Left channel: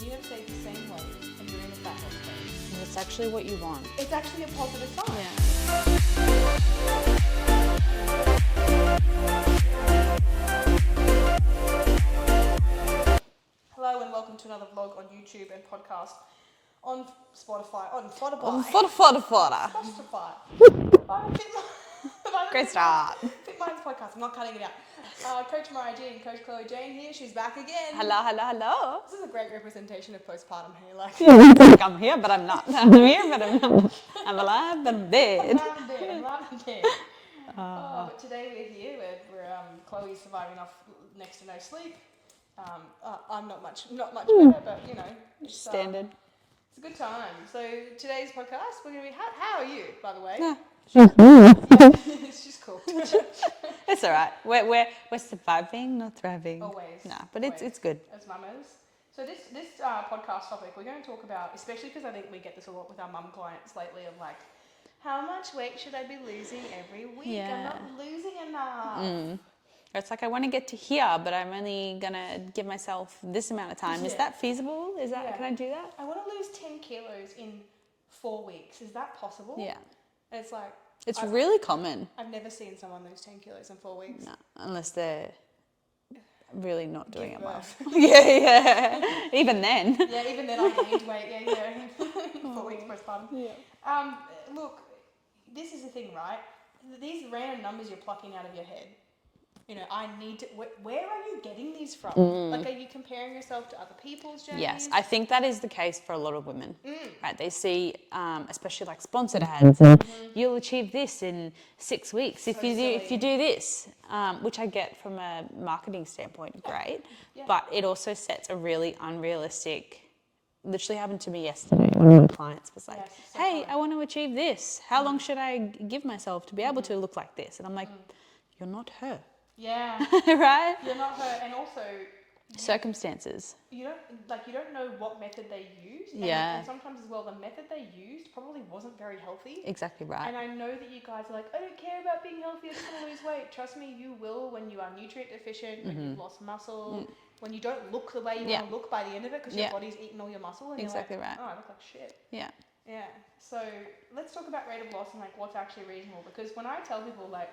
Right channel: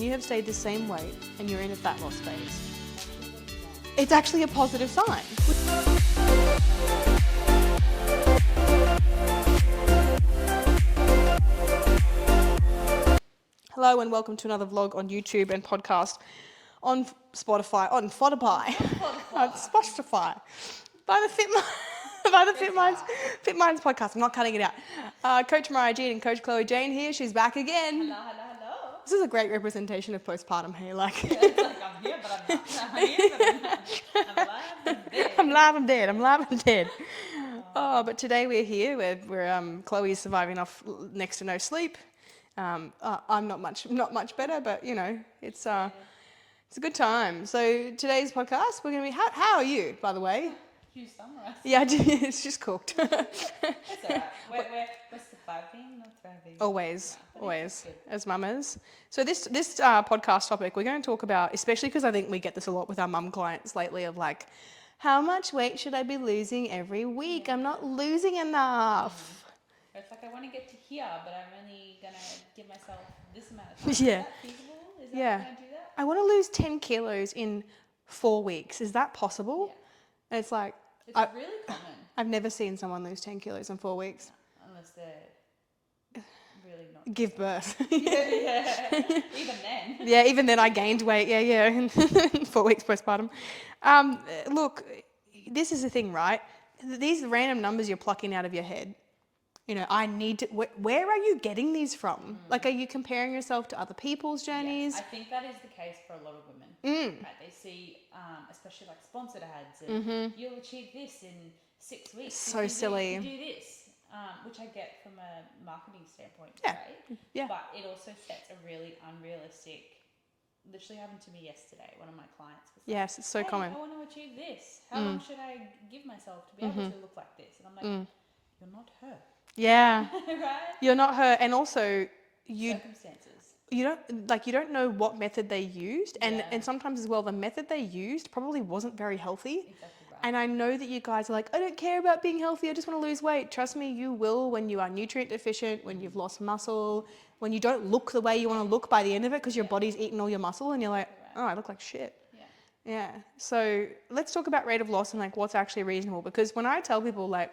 when you have stayed the same weight and you're in a fat loss phase. And it's actually what you want. It's actually a positive sign. Hello and welcome to another vlog on YouTube and podcast on Spotify, on Spotify. Spotify. By the Fit Minds podcast. I'm not cutting it out. Coach Mariah Jean and Coach Chloe Jane here. She's back again. Hello. This is a great representation of postpartum here. Like, I'm here, but I'm not. I'm here, but I'm not. I'm alive, but dead. I'm alive and dead. But today we're here. We're Chloe is surviving off next to no sleep. I'm not much better, but you know, it's Standard. It's a good time. So today's podcast, we're going to be. How are you, by the way? Yeah. Yeah, it's just cooked. It's all right. We're surviving, not thriving. Always. No, but always, it's good. as mamas. So this podcast topic, we're going to talk about, especially because I think we get this a lot with our mum clients lately, of like, how much weight should I be losing every week? Yeah. I'm not losing enough. It's like I want to get to here, but I'm only going to give myself this amount of time. Yeah. Is that feasible? Can I do that? I want to lose 10 kilos in 4 weeks. Is that possible? Yeah. And it's like... It's really common. I've never seen someone lose 10 kilos in 4 weeks. No, unless they're really not doing Give it birth. well. Yeah. Even then. Yeah, even then I gained weight. Yeah. 4 weeks postpartum. Yeah. Look, this is the thing, right? These random numbers you're plucking out of your head. You know, I need to... Where are you getting these from? Like, are you comparing yourself to other people's journeys? Yes, I think that is the case for a lot of women. Right? They see, especially like sponsored ads, and you'll achieve this in 6 weeks So if silly. you do this, which I get from a marketing standpoint, great. Yeah. But it also sets a really unrealistic... Literally happened to me yesterday. One of my clients was like, Yes, it's so hey, common. I want to achieve this. How long should I give myself to be able to look like this? And I'm like, you're not her. Yeah. Right? You're not her. And also... Circumstances. You don't know what method they used. Yeah. And sometimes as well, the method they used probably wasn't very healthy. Exactly right. And I know that you guys are like, I don't care about being healthy. I just want to lose weight. Trust me, you will when you are nutrient deficient, when you've lost muscle, when you don't look the way you want to look by the end of it because your body's eaten all your muscle and Exactly you're like, right. oh, I look like shit. Yeah. Yeah. So let's talk about rate of loss and like what's actually reasonable. Because when I tell people like,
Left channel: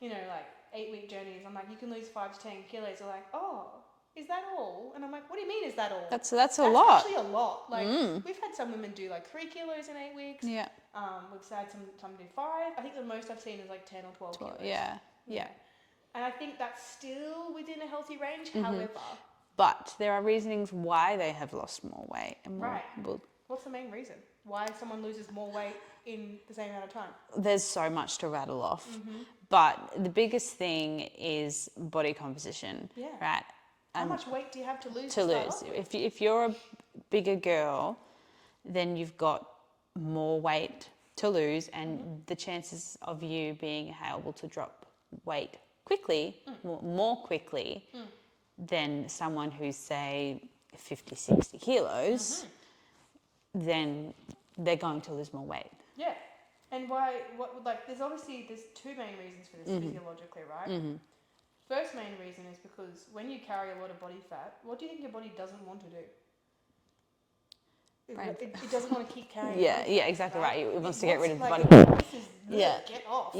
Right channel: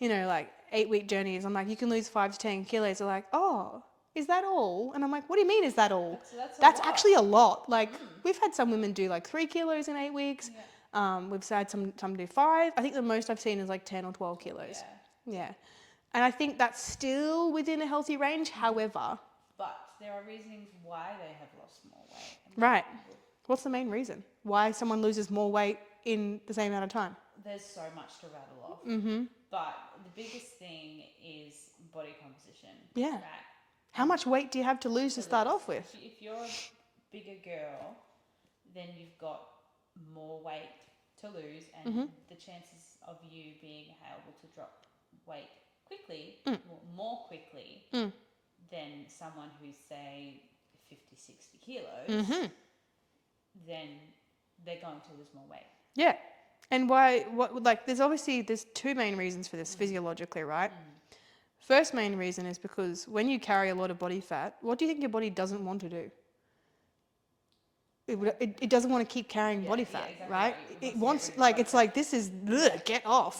you know, like 8-week journeys, I'm like, you can lose 5 to 10 kilos. They're like, oh, is that all? And I'm like, what do you mean is that all? That's a lot. That's actually a lot. Like we've had some women do like 3 kilos in 8 weeks. Yeah. We've had some do 5. I think the most I've seen is like 10 or 12 kilos. Yeah. And I think that's still within a healthy range. However, But there are reasonings why they have lost more weight. And what's the main reason? Why someone loses more weight in the same amount of time? There's so much to rattle off. But the biggest thing is body composition. Yeah. Right? How much weight do you have to lose to start off with? If you're a bigger girl, then you've got more weight to lose, and the chances of you being able to drop weight quickly, more quickly than someone who's, say, 50, 60 kilos, then they're going to lose more weight. Yeah. And why, there's 2 main reasons for this physiologically, right? First main reason is because when you carry a lot of body fat, what do you think your body doesn't want to do? It doesn't want to keep carrying body fat. Yeah, exactly right. It wants to get rid of like, body it's fat. like, this is, get off.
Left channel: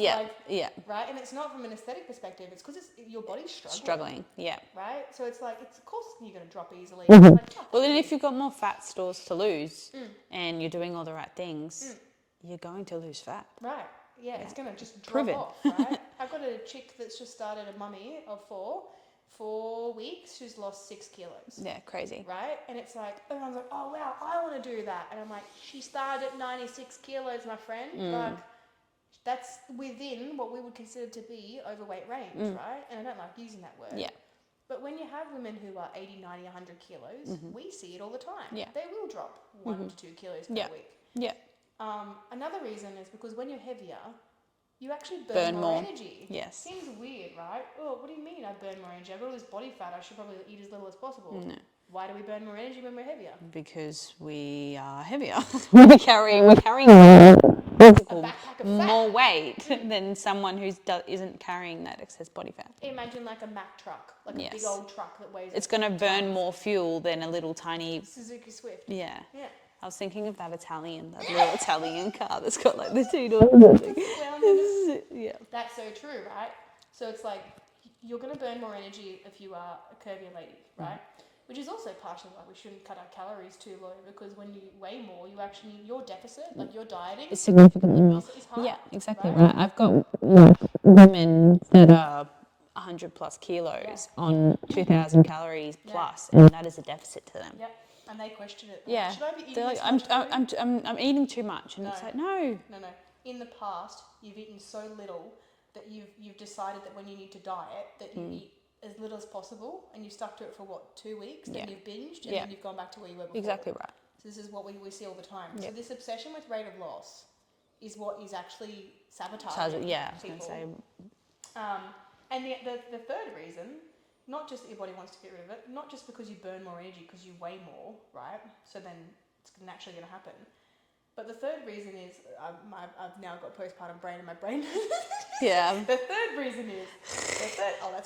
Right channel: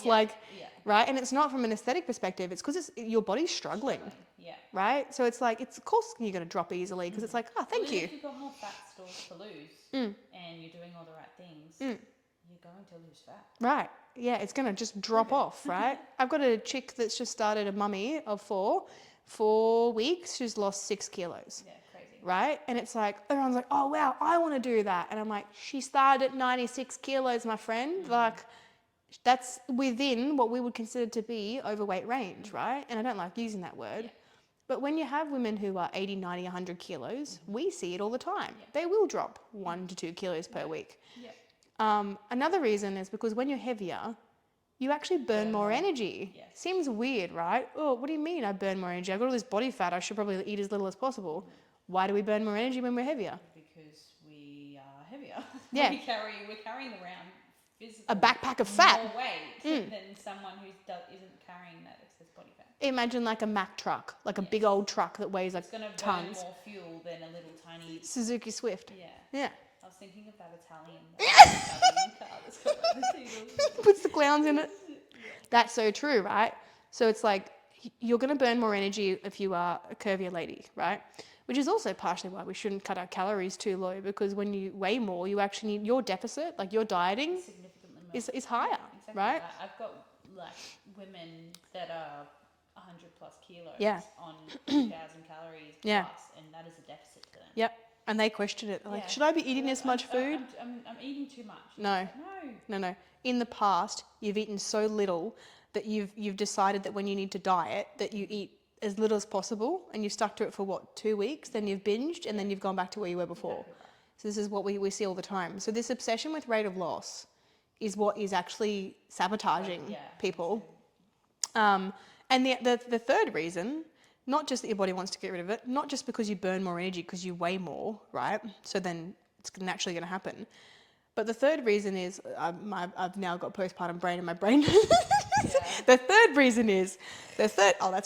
Right? And it's not from an aesthetic perspective. It's because your body's struggling. Yeah. Right? So it's like, of course you're going to drop easily. It's like, oh, thank Well, you. then if you've got more fat stores to lose and you're doing all the right things, you're going to lose fat. Right. Yeah, it's going to just drop off, right? I've got a chick that's just started, a mummy of 4 weeks. She's lost 6 kilos. Yeah, crazy. Right? And it's like, everyone's like, oh, wow, I want to do that. And I'm like, she started at 96 kilos, my friend. Like, that's within what we would consider to be overweight range, right? And I don't like using that word. Yeah. But when you have women who are 80, 90, 100 kilos, we see it all the time. Yeah. They will drop 1 to 2 kilos per week. Yeah. Another reason is because when you're heavier, you actually burn more energy. Yes. Seems weird, right? Oh, what do you mean I burn more energy? I've got all this body fat. I should probably eat as little as possible. No. Why do we burn more energy when we're heavier? Because we are heavier. we're carrying a backpack of fat. more weight than someone who isn't carrying that excess body fat. Imagine like a Mack truck, like a big old truck that weighs It's going to burn more fuel than a little tiny Suzuki Swift. Yeah. Yeah. I was thinking of that little Italian car that's got like the 2 doors. Puts the clowns in it. Yeah. That's so true, right? So it's like you're going to burn more energy if you are a curvier lady, right? Which is also partially why we shouldn't cut our calories too low, because when you weigh more, you actually need your deficit, like your dieting, It's significantly more. is higher. Yeah, exactly. Right? I've got women that are 100 plus kilos on 2,000 calories plus, and that is a deficit to them. Yep. And they question it. Like, should I be eating this much food? I'm eating too much. And it's like, No. In the past, you've eaten so little that you've decided that when you need to diet, that you eat as little as possible, and you've stuck to it for 2 weeks, then you've binged, and then you've gone back to where you were before. Exactly right. So this is what we see all the time. So this obsession with rate of loss is what is actually sabotaging people. And the third reason, not just that your body wants to get rid of it, not just because you burn more energy because you weigh more, right? So then it's naturally going to happen. But the third reason is, I've now got postpartum brain in my brain. Yeah. The third reason is, that's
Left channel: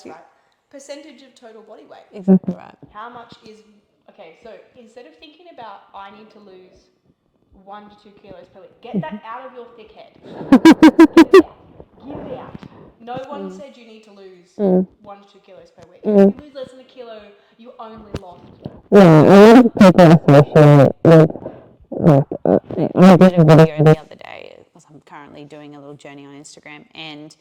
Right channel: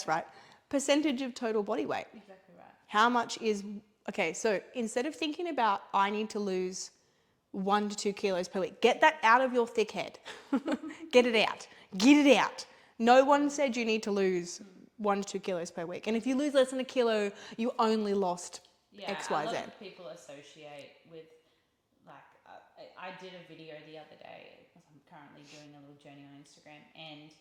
right, percentage of total body weight. Exactly right. How much is, okay, so instead of thinking about I need to lose 1 to 2 kilos per week, get that out of your thick head. Get it out. No one said you need to lose 1 to 2 kilos per week. And if you lose less than a kilo, you only lost. Yeah, I did a video the other day, because I'm currently doing a little journey on Instagram, and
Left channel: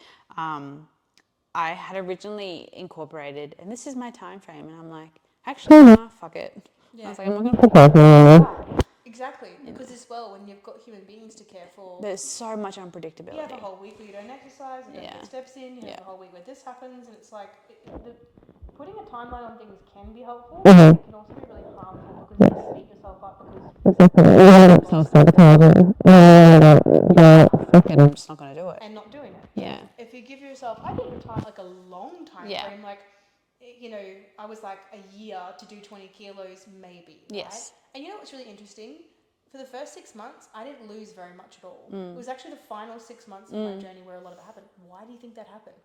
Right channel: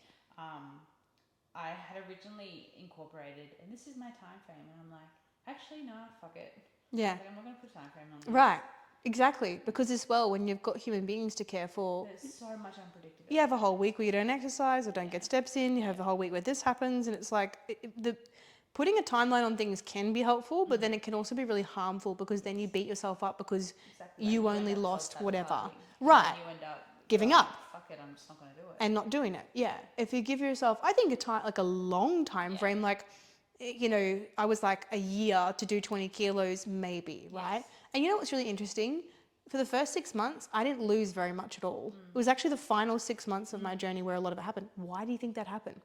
I had originally incorporated, and this is my time frame, and I'm like, actually, fuck it. Yeah. I was like, I'm not going to put that on. Right. Exactly. Because as well, when you've got human beings to care for, There's so much unpredictability. you have a whole week where you don't exercise or don't get steps in. You have a whole week where this happens, and it's like putting a timeline on things can be helpful, but it can also be really harmful, because then you beat yourself up because you lost whatever. I'm just not going to do it. And not doing it. Yeah. If you give yourself, I think a long time frame, like, I was like a year to do 20 kilos maybe, right? Yes. And you know what's really interesting? For the first 6 months, I didn't lose very much at all. It was actually the final 6 months of my journey where a lot of it happened. Why do you think that happened?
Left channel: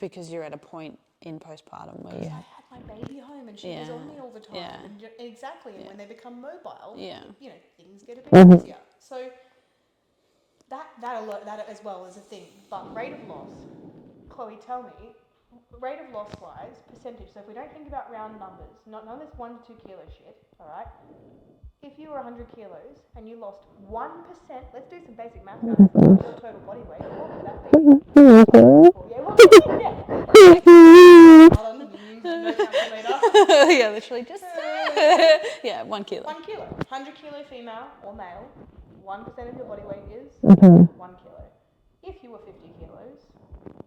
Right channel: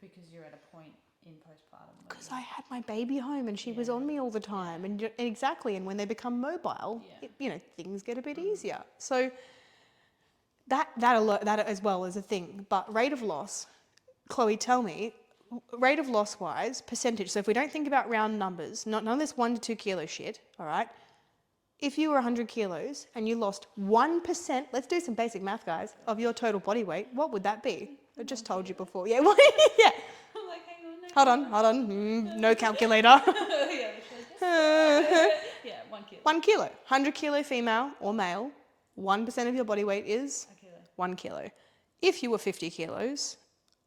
Because you're at a point in postpartum where Because I had my baby home and she was on me all the time. And exactly. And when they become mobile, things get a bit easier. So that as well is a thing. But rate of loss, Chloe, tell me, rate of loss wise, percentage. So if we don't think about round numbers, none of this 1 to 2 kilo shit, all right? If you were 100 kilos and you lost 1%, let's do some basic math, guys, of your total body weight, what would that be? Yeah. Hold on. No calculator. yeah, literally just 1 kilo. 1 kilo. 100 kilo female or male, 1% of your body weight is 1 kilo. If you were 50 kilos,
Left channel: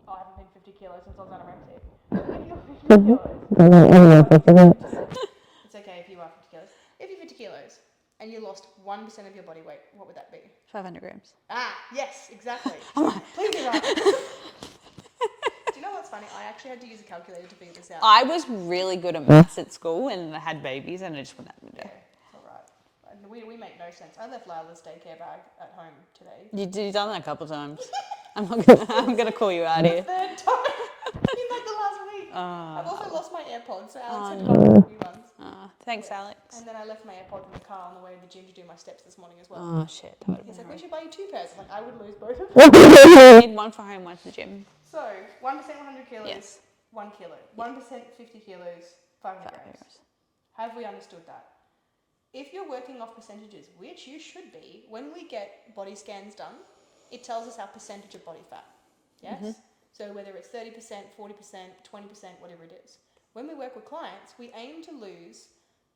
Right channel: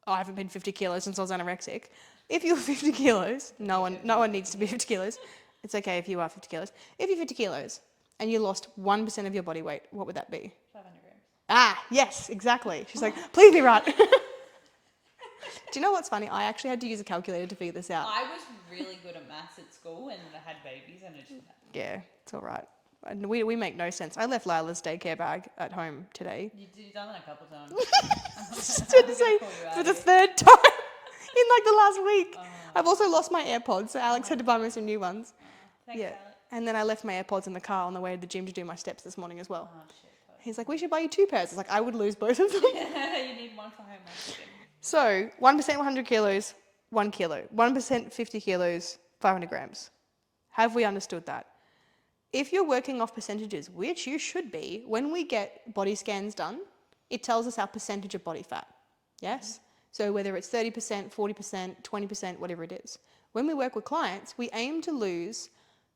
I haven't been 50 kilos since I was anorexic. If you were 50 kilos, no one needs to be 50 kilos. It's okay if you are 50 kilos. If you're 50 kilos and you lost 1% of your body weight, what would that be? 500 grams. Ah, yes, exactly. She's like, please be right. Do you know what's funny? I actually had to use a calculator to figure this out. I was really good at maths at school and I had babies and I just went, yeah, it's all right. And we make no sense. I left Lila's daycare bag at home today. You've done that a couple of times. I'm going to call you out for here. the third time in like the last week. I've also lost my AirPods, so Alex had to buy me some new ones. Thanks, Alex. And then I left my AirPods in the car on the way to the gym to do my steps this morning as well. Oh, shit. He's like, we should buy you 2 pairs. I was like, I would lose both of them. I need one for home, one for gym. So 1% 100 kilos, 1 kilo. 1% 50 kilos, 500 grams. Have we understood that? If you're working off percentages, which you should be, when we get body scans done, it tells us our percentage of body fat. Yes? So whether it's 30%, 40%, 20%, whatever it is. When we work with clients, we aim to lose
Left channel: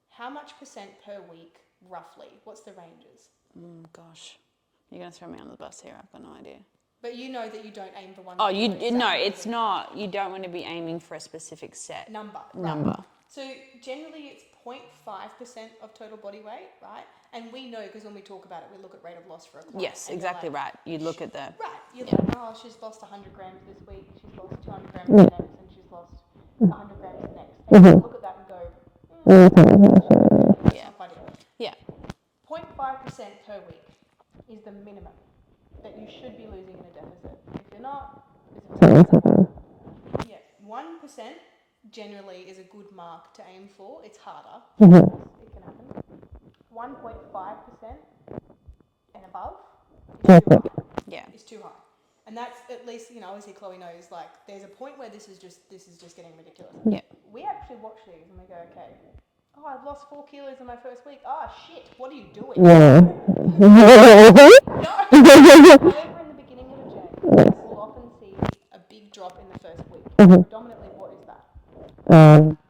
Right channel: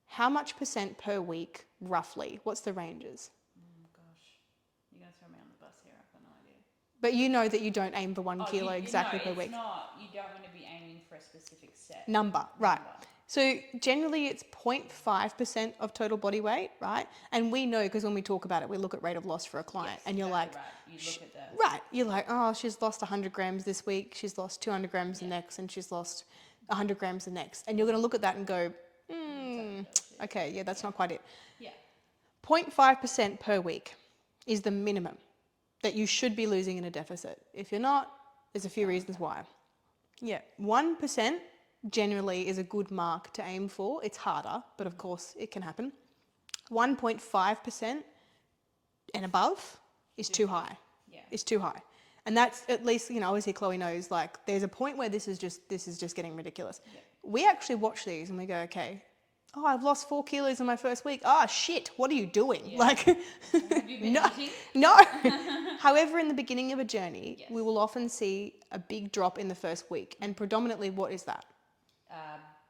how much percent per week, roughly? What's the ranges? Gosh. You're going to throw me on the bus here. I've got no idea. But you know that you don't aim for 1 kilo exactly no, per it's week. not. You don't want to be aiming for a specific set. Number, right. So generally it's 0.5% of total body weight, right? And we know, because when we talk about it, we look at rate of loss for a client. Yes, and exactly you're like, right. You look at the... Right. You're like, oh, she's lost 100 grams this week, she's lost 200 grams the next, and she's lost 100 grams the next. And you look at that and go, Okay, yeah, that's not quite it. Yeah. 0.5% per week is the minimum that you should be losing in a deficit. If you're not, there's a few reasons why. Yeah, 1% generally is a good mark to aim for. It's harder, but of course it can happen. 1.5% and above is too high. Yeah. It's too high. And that's at least, obviously Chloe knows, like, there's a point where this is just getting ridiculous. Yeah. We actually watch these and we go, okay, oh, I've lost 4 kilos in my first week. Ah, shit, what are you doing? Like, no. However, in the beginning of a journey, we will often see a big drop in the first week. Predominantly, what is that?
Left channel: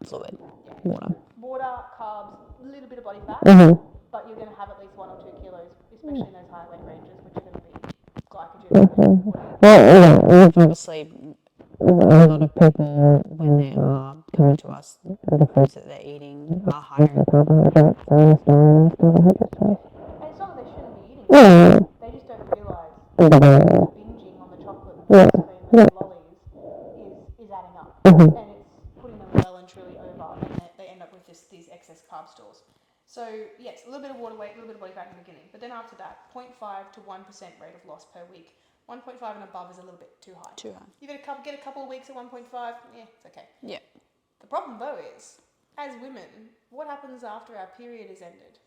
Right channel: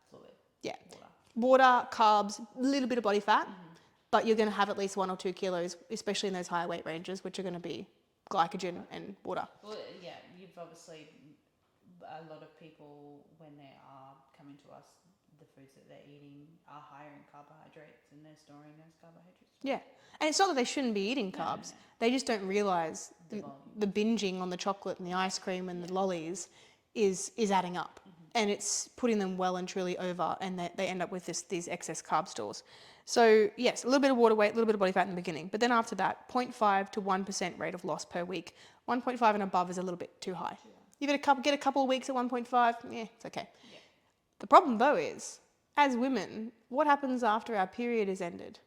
Fluid. Yeah. Water. Water, carbs, a little bit of body fat, but you're going to have at least 1 or 2 kilos, especially in those higher weight ranges, which are going to be glycogen and water. Obviously, a lot of people, when they are coming to us, the foods that they're eating are higher in carbohydrates. Yeah. And it's not that they shouldn't be eating them. They just don't realise the binging on the chocolate and the ice cream and the lollies is adding up. And it's putting them well and truly over, and they end up with these excess carb stores. So, yes, a little bit of water weight, a little bit of body fat in the beginning. But then after that, 0.5 to 1% rate of loss per week. 1.5 and above is a little bit too high. You get a couple of weeks at 1.5, yeah, it's okay. Yeah. The problem, though, is, as women, what happens after our period is ended?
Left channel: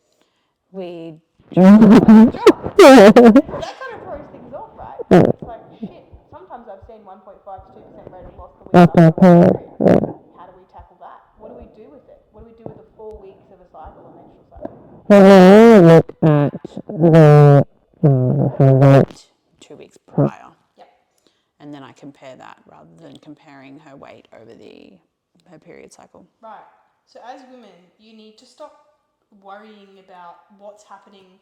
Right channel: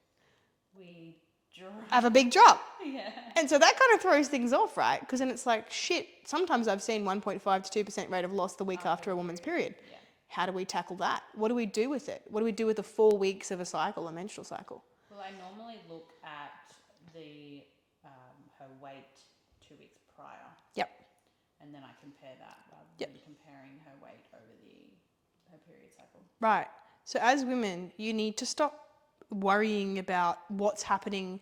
We have a big drop. And so that kind of throws things off, right? Because it's like, shit, sometimes I've seen 1.5 to 2% rate of loss the week after a week's period. How do we tackle that? What do we do with it? What do we do with the 4 weeks of a cycle, a menstrual cycle? look at her weight 2 weeks prior. Yep. And then I compare that rather than comparing her weight over her period cycle. Right. So as women, you need to stop worrying about what's happening,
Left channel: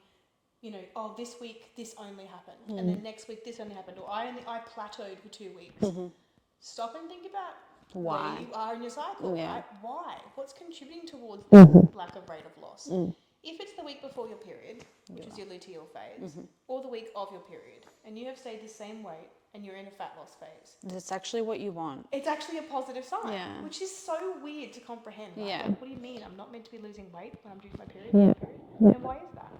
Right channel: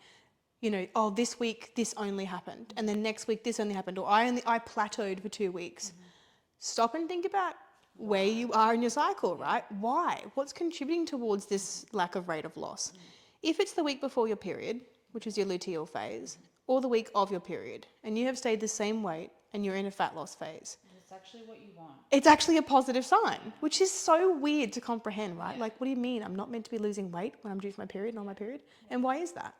oh, this week this only happened, and then next week this only happened, or I plateaued for 2 weeks. Stop and think about where you are in your cycle, right? Why? What's contributing towards this lack of rate of loss? If it's the week before your period, which is your luteal phase, or the week of your period, and you have stayed the same weight and you're in a fat loss phase, That's actually what you want. it's actually a positive sign, which is so weird to comprehend, right? Yeah. Like, what do you mean? I'm not meant to be losing weight when I'm due for my period on my period? And why is that?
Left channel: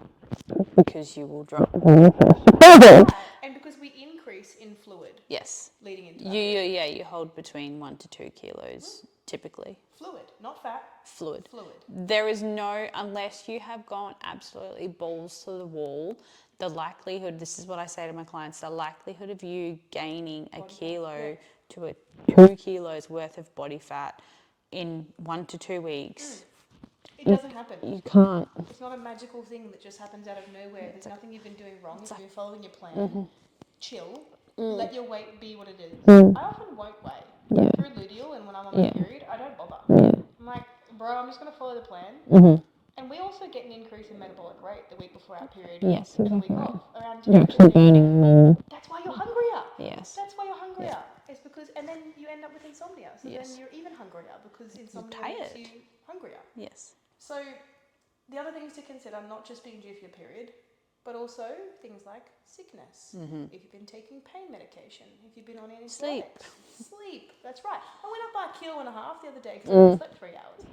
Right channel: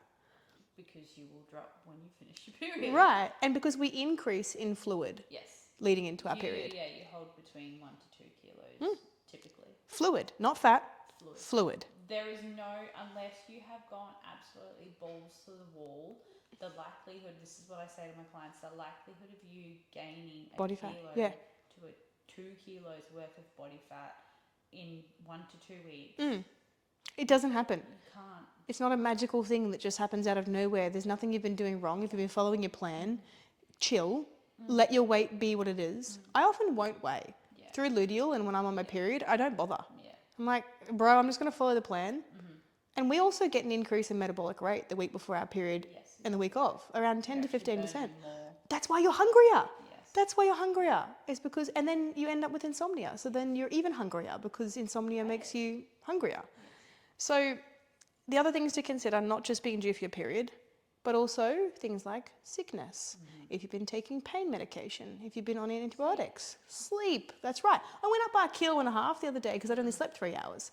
Because you will drop. Right. And because we increase in fluid Yes. leading into our period. You hold between 1 to 2 kilos typically. Fluid, not fat. Fluid. Fluid. There is no, unless you have gone absolutely balls to the wall, the likelihood, this is what I say to my clients, the likelihood of you gaining Body a fat, kilo to 2 kilos worth of body fat in 1 to 2 weeks. It doesn't happen. You can't. It's not a magical thing that just happens out of nowhere. There's nothing you've been doing wrong. If you've been following your plan, chill, let your weight be what it is. I often won't weigh. Through luteal and when I'm on my period, I don't bother. I'm like, bro, I'm just going to follow the plan. And we also get an increase in metabolic rate the week before our period and the week off, around 10 to 15%. That's why you're hungrier. Yes. That's why you're hungrier. It's because, and then you end up with insomnia. So then you're even hungrier because insomnia makes you hungrier. Yes. So the other things to consider, not just being due for your period, but also things like sickness, if you've been taking pain medication, if you've been on antibiotics, sleep. That's right. I went up by 1.5 kilos the other day because I only slept 3 hours.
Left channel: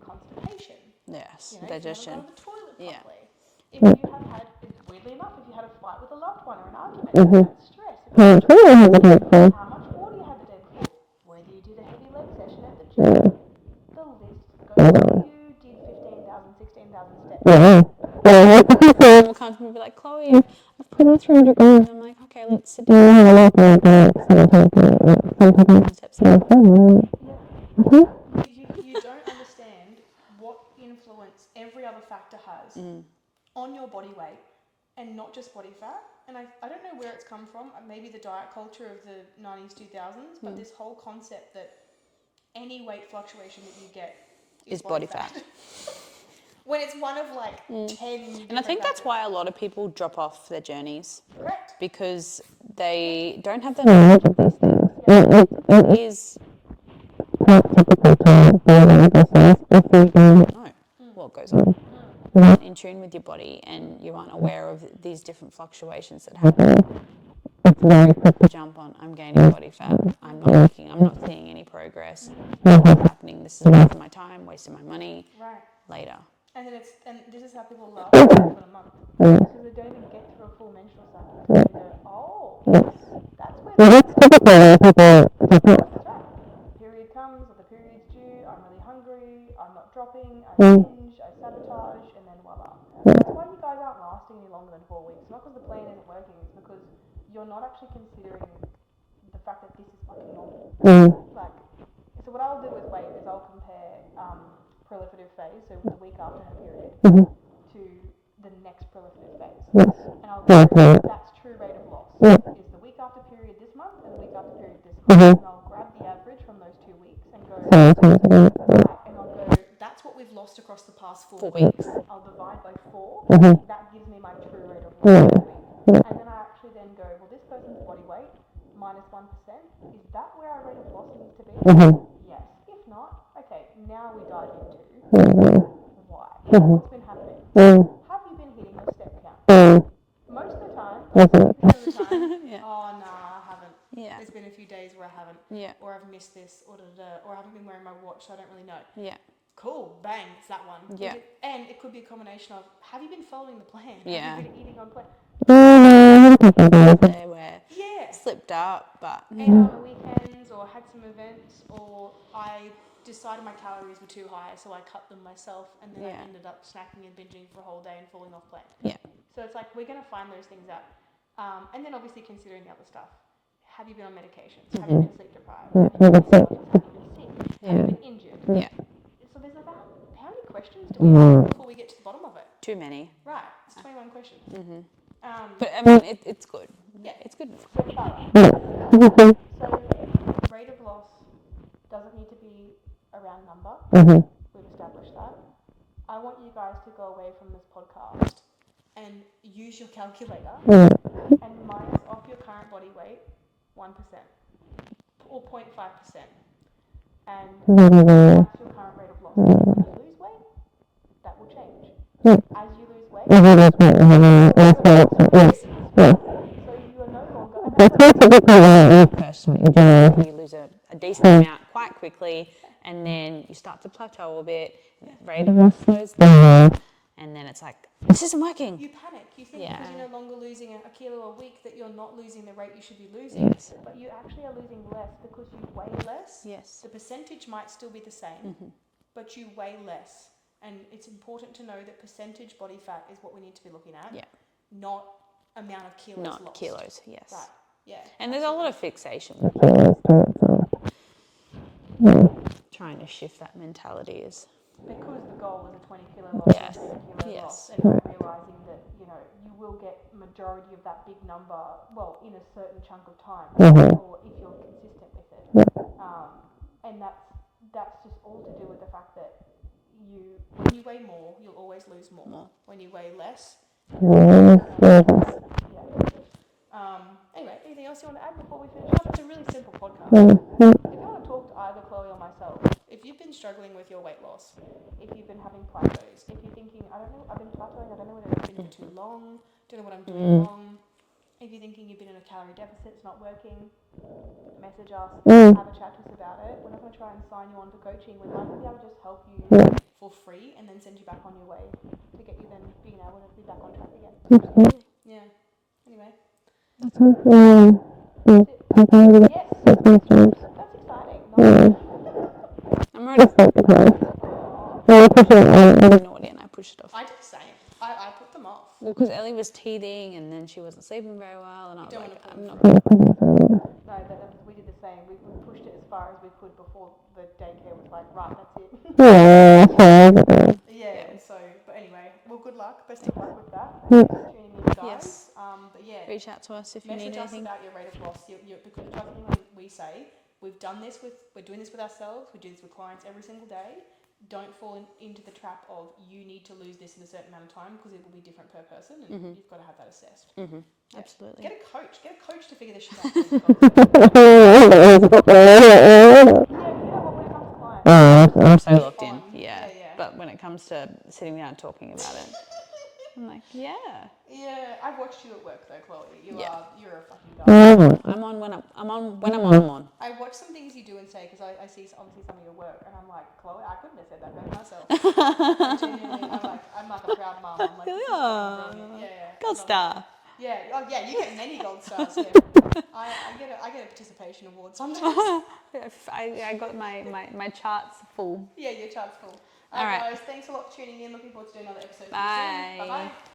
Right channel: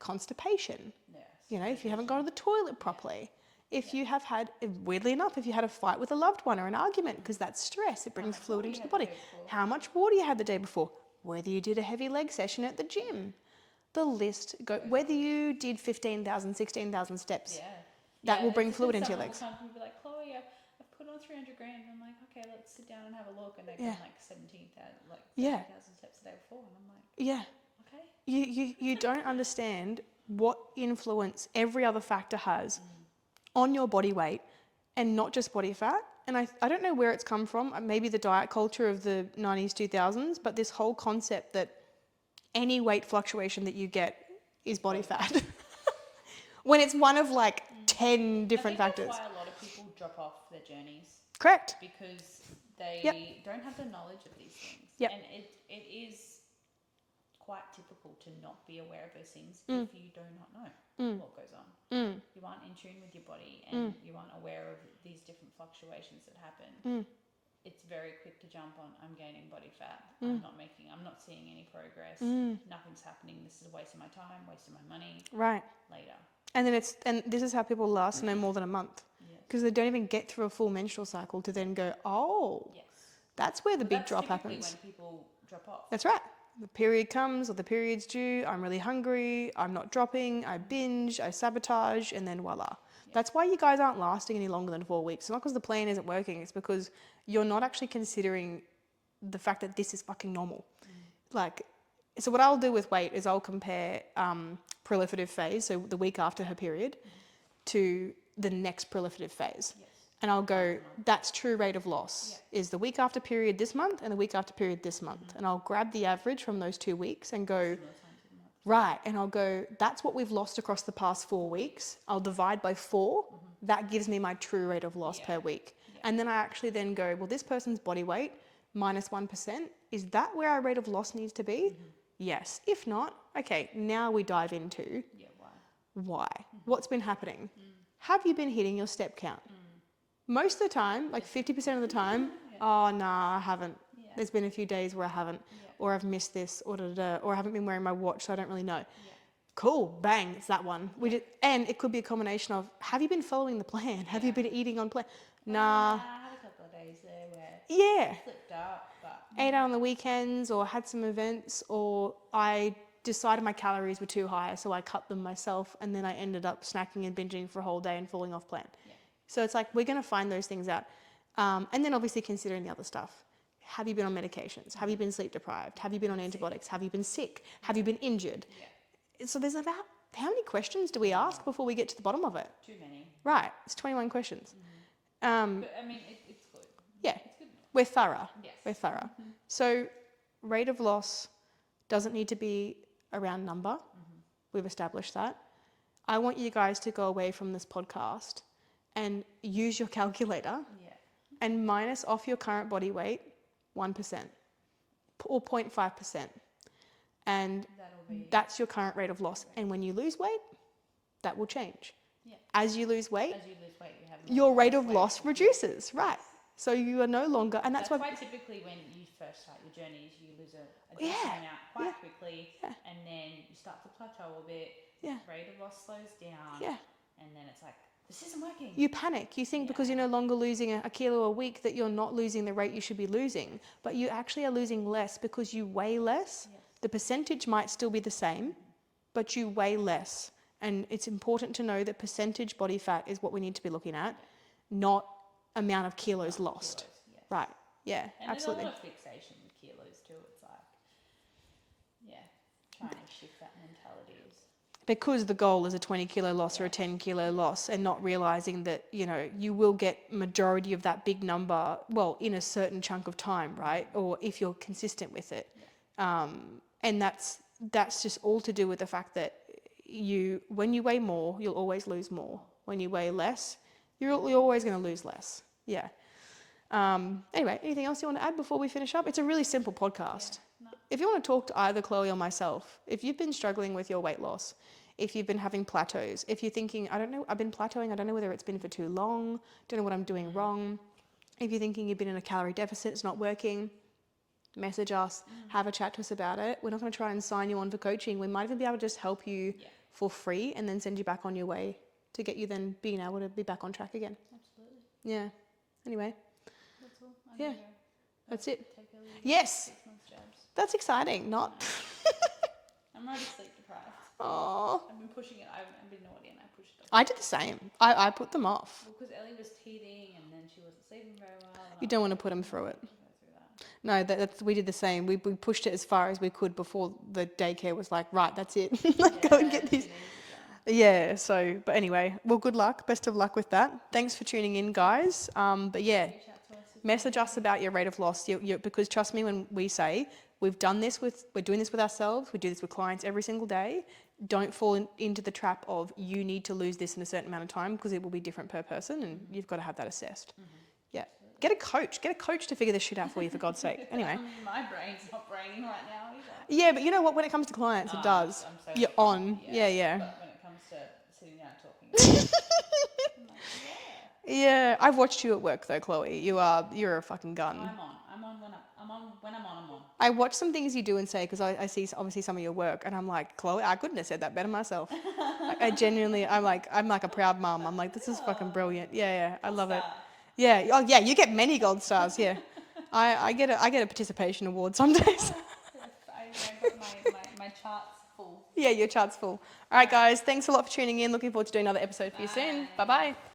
Constipation. Yes. If you haven't gone to the toilet properly. If you have had, weirdly enough, if you had a fight with a loved one or an argument, because that's stress. How much water you had the day before, whether you did a heavy leg session at the gym. The list goes, whether you did 15,000, 16,000 steps. People come to me and be like, Chloe, I've put on 300 grams. I'm like, okay, let's sit down. Yeah. You don't understand what influence every other factor has on your body weight and not just body fat. And I don't know where it's come from. Maybe the diet culture of the 90s, 2000s, but this whole concept that any weight fluctuation that you get is body fat. When it's one of like 10 different I think factors. that's why a lot of people drop off their journeys. Correct. Because they don't have the knowledge of these things. It is quite typical to be aware of yourself if you don't know what goes on. You're not in tune with your body and you aren't aware of these different fluctuations that happen. It's very quick to jump on, I'm gaining body fat, I'm not seeing any progress, what's happening, this is a waste of my time, wasting my money Right. later. And then this is how people last for more than a month, because they don't even get through a full menstrual cycle to then go, oh, that's where they drop. That's right. The period comes or the period's due. I'm really hungry. I'm not dropping. I binge. I sabotage, and then voila. That's why you guys aren't lasting any longer than 4 weeks. It's not because the plan isn't working. It's because you're not actually considering the fact that this is fucking normal. Like, so what I'll do with weight is I'll compare proliferative phase, so the week after her period, to the next proliferative phase. And I'll go, that's true rate of loss is the week after period this month and the week after period this month. And I'll grab the average from those 2 weeks and go, right, and I'll go, that's what we've lost across the past 4 weeks. I'll divide by 4. That gives me my true rate of loss for that week. And then I actually then go, well, this person's body weight minus 1%, is that where our rate of loss needs to be? Yes. If not, okay, now we dive into why. What's been happening? Have you been hitting your step count? Most of the time, like 50% of the time, oh, nah, I haven't. Yeah. There's been a few days where I haven't. Yeah. Or I've missed this, or or I haven't been wearing my watch, so I don't really know. Yeah. Cool, bang, it's that one. Yeah. And it could be a combination of, have you been following the plan? Yeah. Have you been eating on plan? There where Yeah. slipped up, but Ate out on the weekends, or had some events, or I decided my calories were too high, so I cut them myself, and then I ended up snacking and binging for a whole day and falling off plan. Yeah. So it's like, we're going to find those things out. And then obviously considering the other stuff. Have you been on medications? Have you been sleep deprived? Have you been on antibiotics? Have you been sick? Have you been injured? Yeah. So there's about, how many questions do we ask before we get to the bottom of it? Too many. Right, it's 21 questions. But I mean, it's good. Yeah, It's good. we're thorough. We're thorough. So rate of loss doesn't need to be a round number. We've established that. I want you guys to go away from this podcast and use your calculator and minus off your current body weight 1% or 0.5%. And that's your current rate of loss. And when you lose weight, that will change. As you lose weight, your rate of loss reduces. Right? So you are no longer, and that's what Personally, you lose a decent amount quite quickly, and then you start to plateau a bit. Rate of loss slows down, and then it's like, this isn't working. you panic. You think because you're no longer losing a kilo a week that you're not losing the rate you should be losing, but you actually are losing less because you weigh less. Yes. The percentage might still be the same, but you weigh less. And it's important to know that percentage body fat is what we need to be looking at, not amount of kilos Not lost. kilos, yes. Right. Yeah. And absolutely. there's a lot of fixation. Trying to shift that mentality is. Because the goal is a 20 kilo loss or a 10 kilo loss, and not realizing that, you will get majority of that big number, well, in a certain chunk of time, right? Or if you're consistent with it. And that's just all to do with the fact that when you weigh more, you'll always lose more. When you weigh less, you're always going to lose less. Yeah. Anyway, anything else you want to add before we finish up? It's a really simple podcast. If you want to talk to either Chloe or myself, if you've been struggling with your weight loss, if you've been having plateaus, if you're thinking, I don't know, I've been plateauing, I don't know whether it's been for too long, don't know what I'm doing wrong. If you're thinking you've been in a calorie deficit, it's not working, message us, have a chat to us about it. We're not going to try and sign you on for coaching. We might even be able to just help you for free and then send you back on your way to get you then being able to be back on track again. Yeah. Anyway. That's it. Yes. That's exciting. No. I'm ready. Aww. Naughty and I pushed it off. I did the same. I put them off. Well, because Ellie was teething and then she wasn't sleeping very well. And You don't want to put them through. No, we did the same. We pushed it as far as we could before the daycare was like, right, that's it. Yeah, so, but anyway, well, good luck. Best of luck with that. Thanks for tuning in, guys. But yeah, Reach out to us if message you need us about your rate of loss. Because trust me when we say, we're doing this with ourselves, we do this with clients every single day. Don't fall into the trap of you need to lose this in a certain amount of time, because it will be different per person, and you've got to have that assessed. Yeah. Absolutely. Get a coach to figure this shit out for you, for God's sake. Anyway. Yeah, but you know what? When it comes to clients, I'm so you're locked on. in. Yeah. But when it comes to sitting down and talking, it's I'm like, yeah. Yeah, I've watched you at work though, Chloe. You're a fucking guy. I'm on when I'm on. I watch some things you do and say because I see obviously some of your work, and I'm like, Chloe, I couldn't have said that better myself. I genuinely, I'm like a proud mum. I'm like, this is fucking brilliant. Yeah, I Gold love star. it. Yeah, oh yeah, you get many gold stars. Yeah, I get a participation award sometimes. I got my charts full. Yeah, your chart's full. All right, All right. guys, thanks a lot for tuning in. Looking forward to doing another episode for you soon. Bye. Bye bye.